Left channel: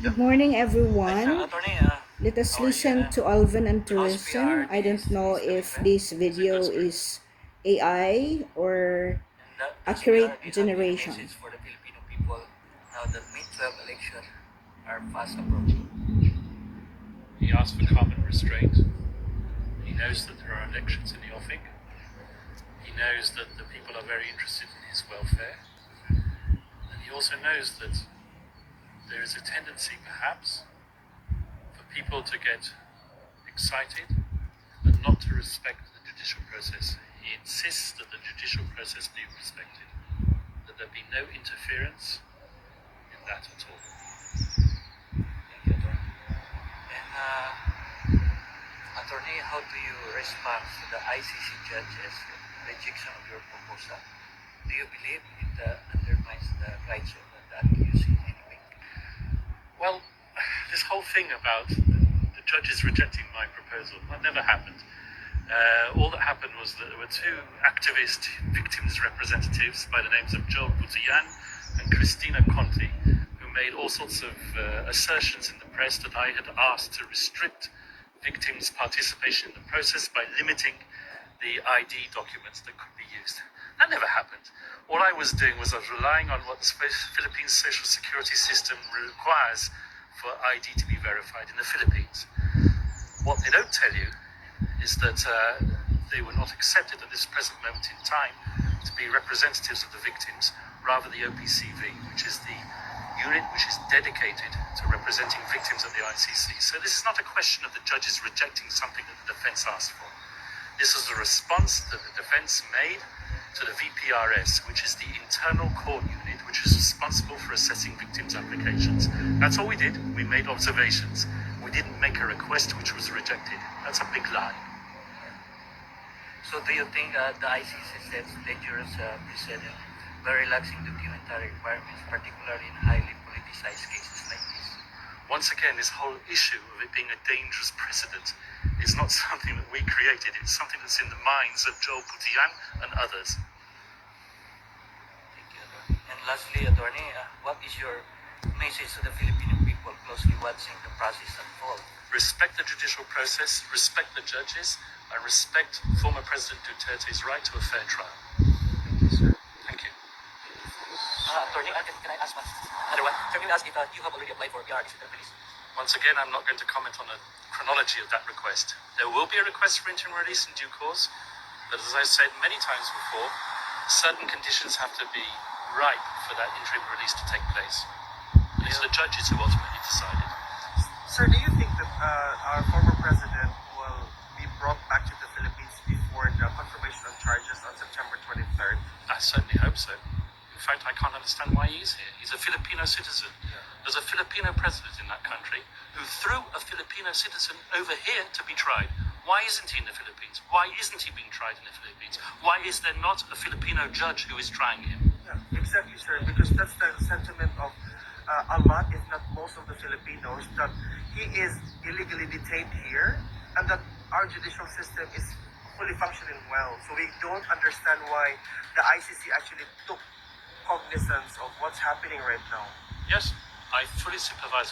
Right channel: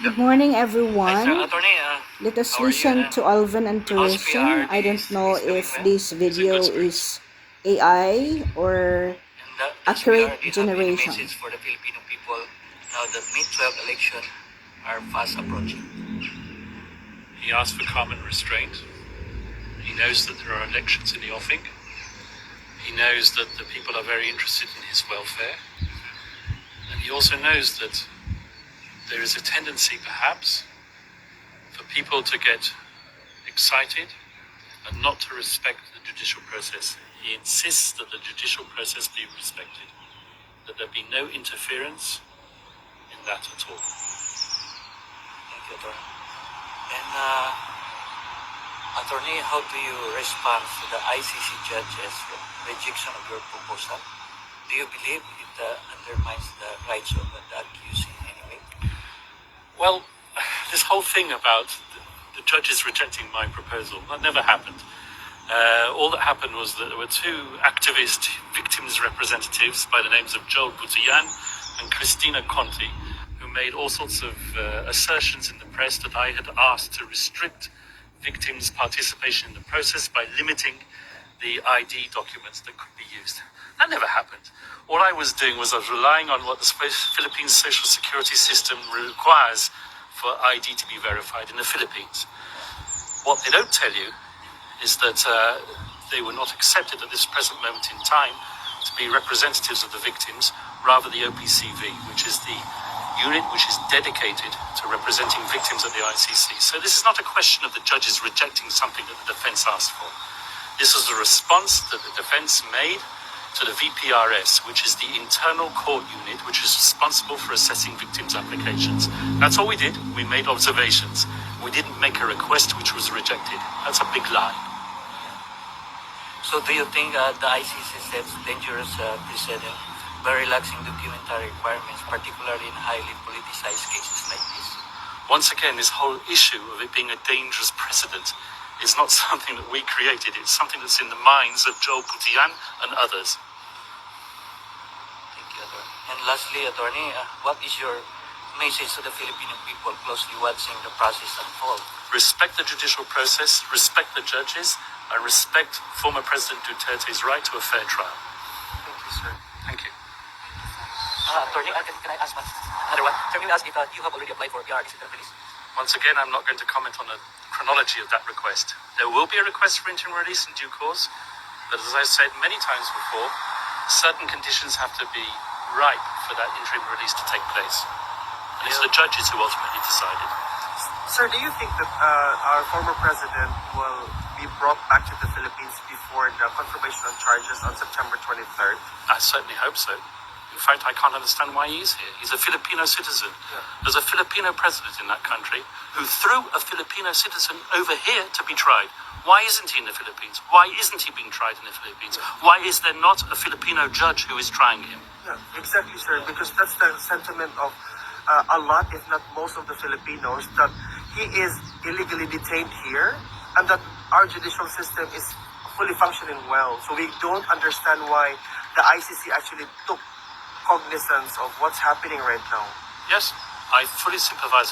Good morning, everyone. Attorney, Let us how are you? listen to Alvin Tourism. I don't know if this video is AI or The accurate SPR, do you have any generation. message for the Filipino people now that mid-12 election are fast approaching? He asked for calm and restraint. He knows that there are elections in the offing. He knows that the people are very interested in his welfare. And he also knows that there is a tendency, perhaps, for people to get excited and not to respect the judicial process. He insists that the judicial process be respected, that there be no interference in that at all. Thank you, Attorney. And Attorney, how do you respond to the ICC judge's rejection of your proposal? Do you believe it undermines the rights of the accused in any way? Well, this whole thing about the judges rejecting my proposal, that never happened. All that happened was that there were two activist victims representatives by the names of Joel Butian and Christina Conti, who made all sorts of assertions in the press that I had asked to restrict victims' participation in the process by limiting the ID documents that could be used. That never happened. All I was doing was I was relying on what the Philippine social security system requires for ID to be verified in the Philippines. What they don't tell you is that they were not accepted at this present moment in time to be representatives of the victims, rather the OPCV, which is the unit which is dedicated to representing victims at the ICC. So this is not a question of the judges rejecting something that the defense asked for. This is a response that the defense made to the VPRS, which is the internal court unit which is responsible for assessing victims' applications. That's all we did. We made observations. We didn't make a request which was rejected. That's a big lie. So do you think the ICC sets dangerous precedent by relaxing documentary requirements, particularly in highly politicized cases like this? Once again, this whole issue of it being a dangerous precedent is not something that we created. It's something that's in the minds of Joel Butian and others. Thank you, Attorney. And lastly, Attorney, what is your message to the Filipino people closely watching the process unfold? Respect the judicial process, respect the judges, and respect former President Duterte's right to a fair trial. Thank you, sir. Thank you. Attorney, can I ask another one? Can you ask if you have already applied for PR in the police? Once again, I'm not going to comment on the chronology of that request. There will be a request for interim release in due course, but as I said many times before, certain conditions have to be ripe for that interim release to take place. And it's the judges who ultimately decided. Sir, do you think that our former president will be brought back to the Philippines before the confirmation of charges on September 23rd? I certainly hope so. In fact, I can't understand why he's here. He's a Filipino citizen. Yeah. There's a Filipino president in that country who threw a Filipino citizen over here to be tried. Why isn't he in the Philippines? Why isn't he being tried in the Philippines? Why is there not a Filipino judge who is trying him? Yeah, exactly, sir, because that's the sentiment of a lot, if not most of the Filipinos, that he is illegally detained here and that our judicial system is fully functioning well. So we don't understand why the ICC actually took cognizance of what's happening right now. Yes, I fully sympathize